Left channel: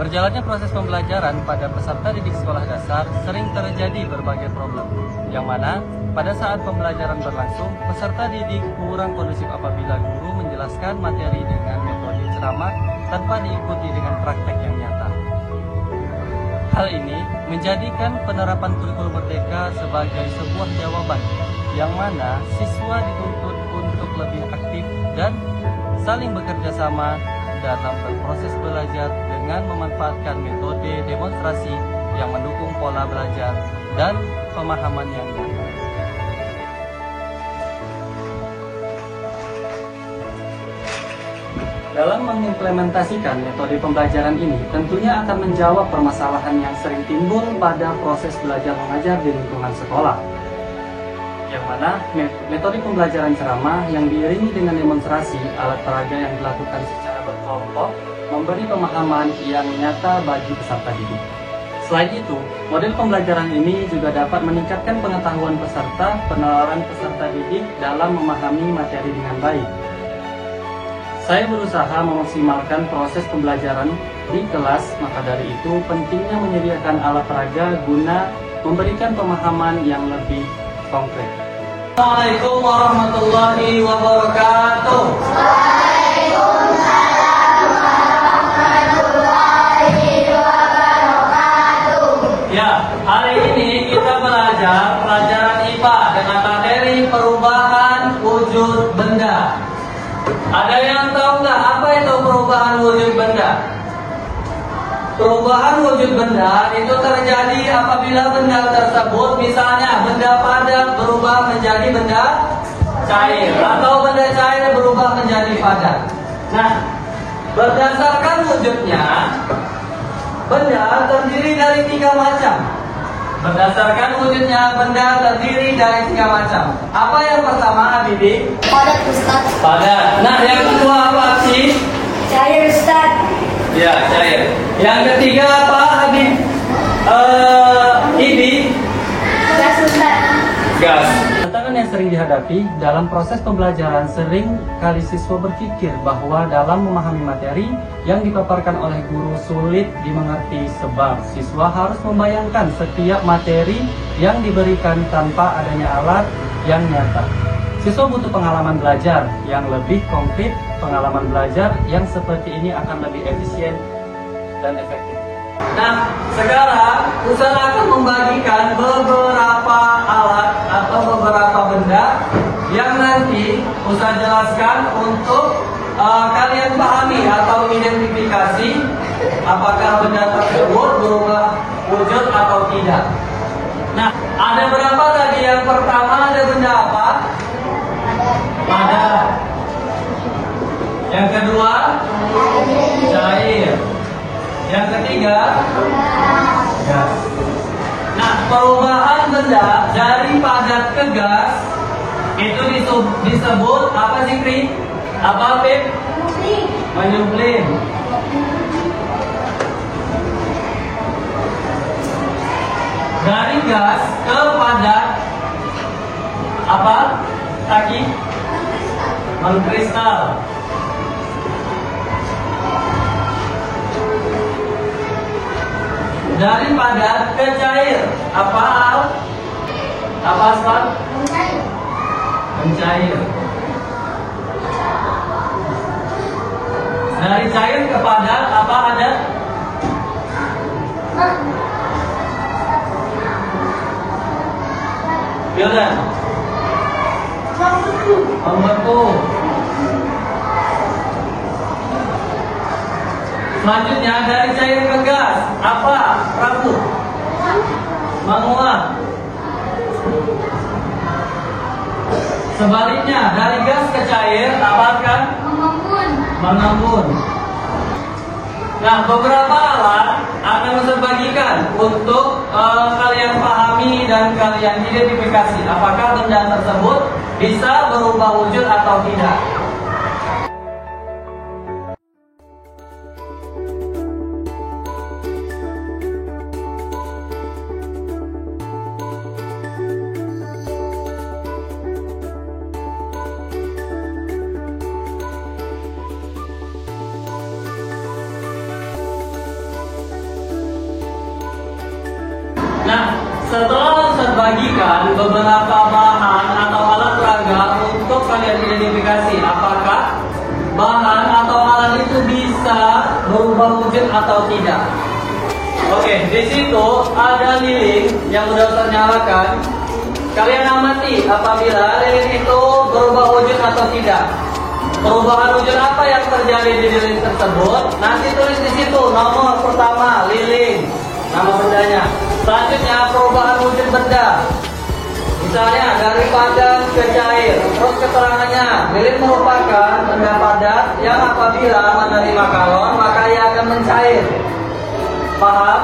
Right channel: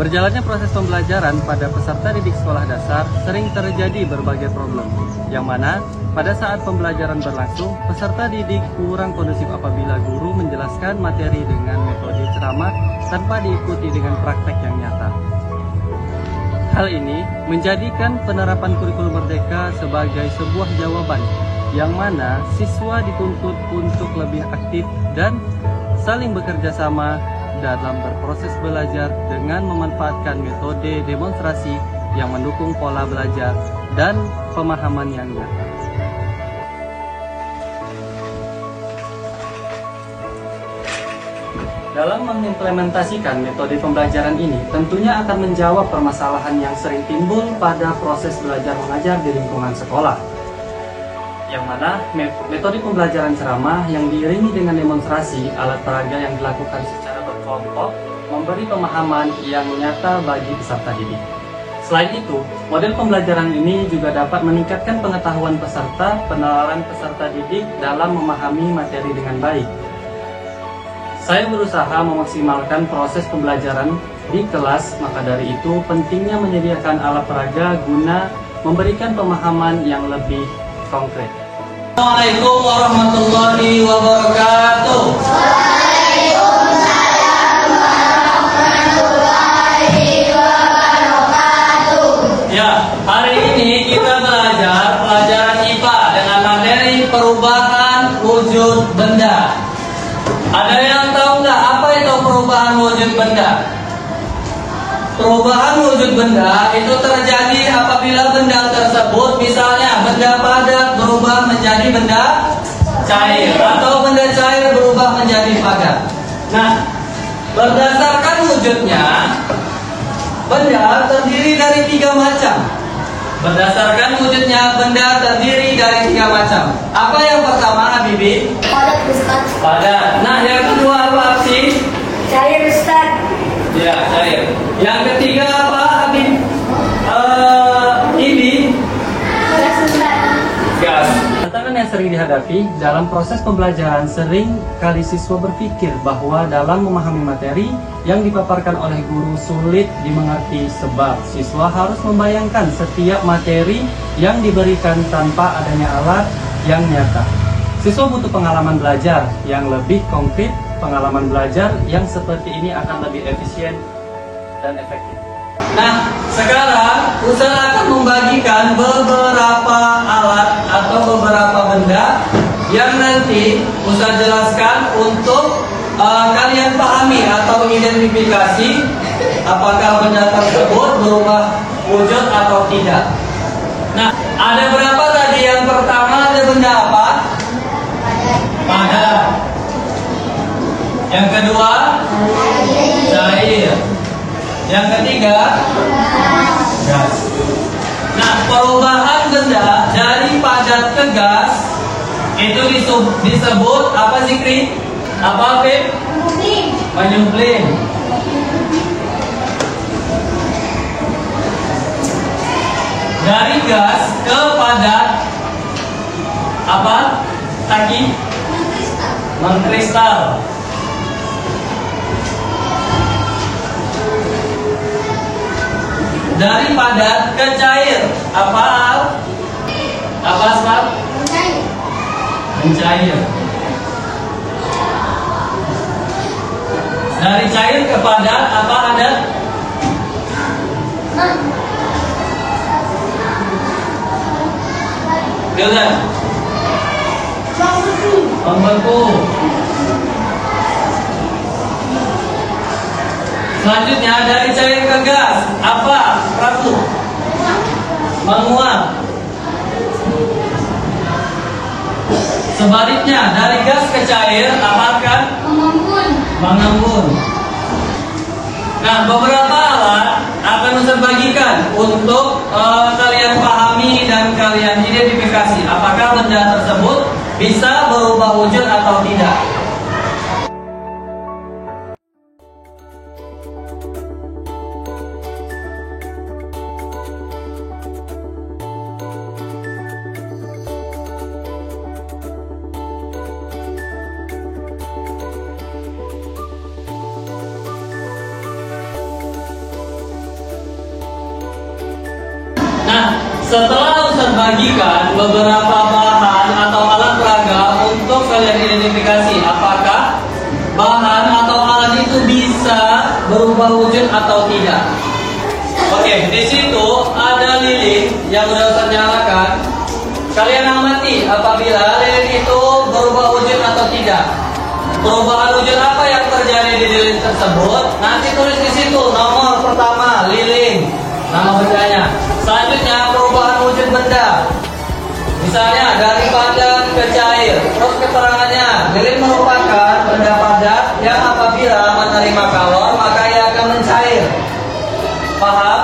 Berjalannya proses pembelajaran pada peserta didik sekolah dasar sering terjadi berbagai problem, yang mana pada saat pembelajaran berlangsung, peserta didik kurang kondusif apabila guru menjelaskan materi dengan metode ceramah tanpa diikuti dengan praktek yang nyata. Hal ini menjadikan penerapan kurikulum merdeka sebagai sebuah jawaban, yang mana siswa dituntut untuk lebih aktif dan saling bekerja sama dalam berproses belajar dengan memanfaatkan metode demonstrasi yang mendukung pola belajar dan pemahaman yang nyata. Dalam mengimplementasikan metode pembelajaran ini, tentunya akan menjawab permasalahan yang sering timbul pada proses belajar mengajar di lingkungan sekolah. Yang mana metode pembelajaran ceramah yang diiringi dengan demonstrasi alat peraga yang dilakukan secara berkelompok memberi pemahaman yang nyata bagi peserta didik. Selain itu, model pembelajaran ini juga dapat meningkatkan pengetahuan peserta, penalaran peserta didik dalam memahami materi dengan baik. Saya berusaha memaksimalkan proses pembelajaran di kelas, maka dari itu pentingnya menyediakan alat peraga guna memberikan pemahaman yang lebih konkret. Assalamualaikum warahmatullahi wabarakatuh. Waalaikumsalam warahmatullahi wabarakatuh. Ya, hari ini kita belajar pelajaran IPA dengan materi perubahan wujud benda. Ada yang tahu nggak apa itu perubahan wujud benda? Perubahan wujud benda itu terjadi apabila benda tersebut, misalnya benda padat berubah menjadi benda cair, atau benda cair berubah menjadi padat. Nah, berdasarkan wujudnya, benda terdiri dari 3 macam. Berdasarkan wujudnya, benda terdiri dari 3 macam. Apa yang pertama, Habibi? Padat, Ustaz. Padat. Nah, yang kedua apa sih? Cair, Ustaz. Ya, cair. Yang ketiga apa, Habib? Ini Gas, Ustaz. gas. Tantangan yang sering dihadapi dalam proses pembelajaran sering kali siswa berpikir bahwa dalam memahami materi yang dipaparkan oleh guru sulit dimengerti sebab siswa harus membayangkan setiap materi yang diberikan tanpa adanya alat yang nyata. Siswa butuh pengalaman belajar yang lebih konkret. Pengalaman belajar yang seperti ini akan lebih efisien dan efektif. Nah, sekarang Ustaz akan membagikan beberapa alat atau beberapa benda yang nanti Ustaz jelaskan untuk kalian pahami atau identifikasi apakah benda tersebut berubah wujud atau tidak. Nah, ada berapa tadi? Yang pertama ada benda apa? Padat. Yang kedua, cair. Yang ketiga, gas. Nah, perubahan benda dari padat ke gas itu disebut apa sih, Kri? Apa, Pip? Menyublim. Dari gas ke padat apa? Taki? Mengkristal. Dari padat ke cair, apa Al? Apa Asfal? Mencair. Dari cair ke padat, apa adat? Gimana? Membeku. Selanjutnya dari cair ke gas, apa? Prabu? Menguap. Sebaliknya dari gas ke cair, apa kan? Mengembun. Nah, beberapa alat akan Ustaz bagikan untuk kalian pahami dan kalian identifikasi apakah benda tersebut bisa berubah wujud atau tidak. Setelah Ustaz bagikan beberapa bahan atau alat peraga untuk kalian identifikasi apakah bahan atau alat itu bisa berubah wujud atau tidak. Oke, di situ ada lilin yang udah Ustaz nyalakan. Kalian amati apabila lilin itu berubah wujud atau tidak. Perubahan wujud apa yang terjadi di lilin tersebut? Nanti tulis di situ nomor pertama lilin, nama bendanya. Selanjutnya perubahan wujud benda. Misalnya dari padat ke cair. Terus keterangannya, lilin merupakan benda padat yang apabila menerima kalor maka ia akan mencair. Paham?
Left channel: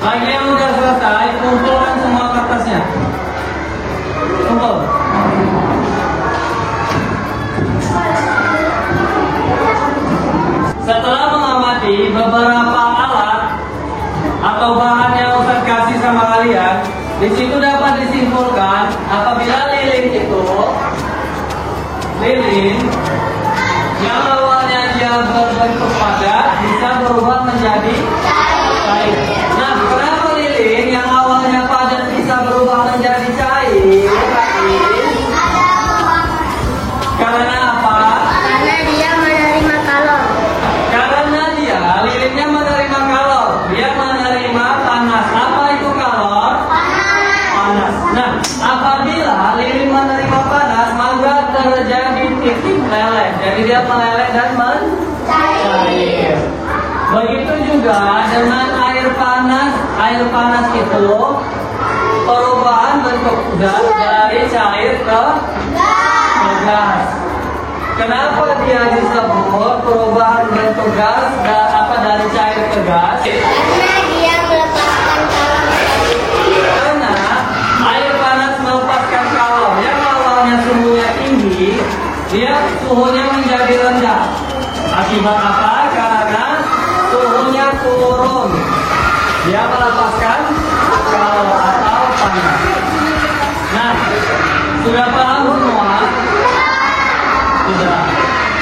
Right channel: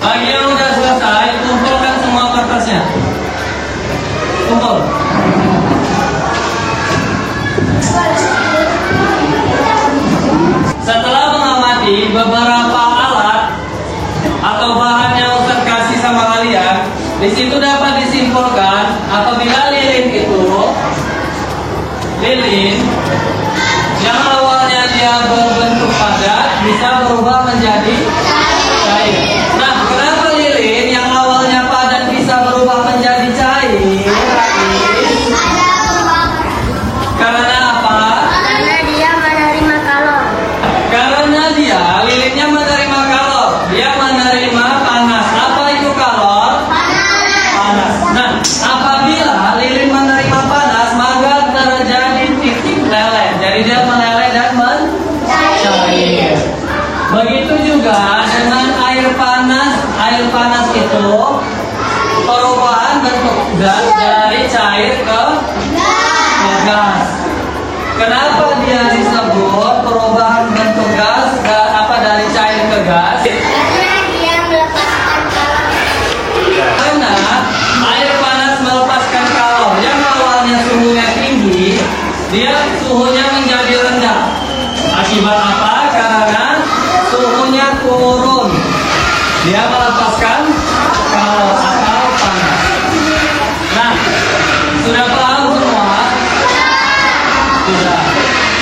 Bagi yang udah selesai, kumpulkan semua kertasnya. Kumpul. Setelah mengamati beberapa alat atau bahan yang Ustaz kasih sama kalian, di situ dapat disimpulkan apabila lilin itu yang awalnya dia berbentuk padat bisa berubah menjadi cair. Nah, kenapa lilin yang awalnya padat bisa berubah menjadi cair? Karena apa? Karena dia menerima kalor. Karena lilinnya menerima kalor. Dia menerima panas. Apa itu kalor? Panas. Nah, apabila lilin menerima panas, maka terjadi titik meleleh. Jadi dia meleleh dan mencair. Begitu juga dengan air panas. Air panas itu perubahan bentuk zat dari cair ke gas. Kenapa dia disebut perubahan bentuk gas dari cair ke gas? Karena dia melepaskan kalor. Karena air panas melepaskan kalor yang awalnya suhunya tinggi, dia suhunya menjadi rendah. Akibat apa? Karena suhunya turun. Dia melepaskan kalor atau panas. Nah, sudah paham semua? Sudah.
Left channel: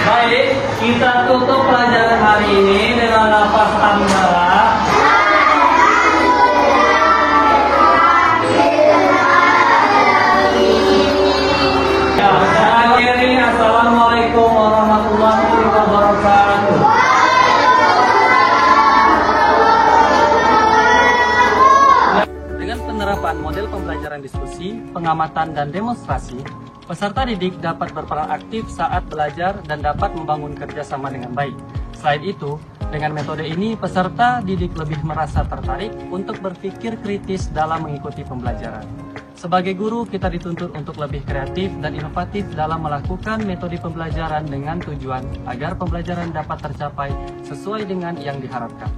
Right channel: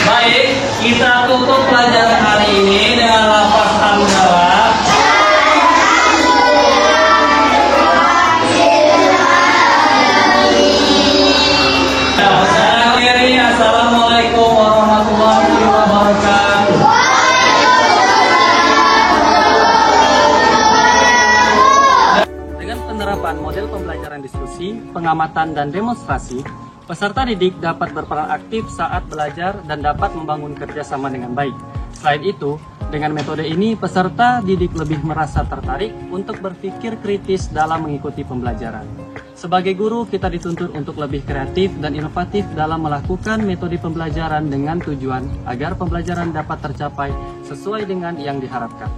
Baik, kita tutup pelajaran hari ini dengan lafaz hamdalah. Saya akhiri, assalamualaikum warahmatullahi wabarakatuh. Dengan penerapan model pembelajaran diskusi, pengamatan, dan demonstrasi, peserta didik dapat berperan aktif saat belajar dan dapat membangun kerjasama dengan baik. Selain itu, dengan metode ini, peserta didik lebih merasa tertarik untuk berpikir kritis dalam mengikuti pembelajaran. Sebagai guru, kita dituntut untuk lebih kreatif dan inovatif dalam melakukan metode pembelajaran dengan tujuan agar pembelajaran dapat tercapai sesuai dengan yang diharapkan.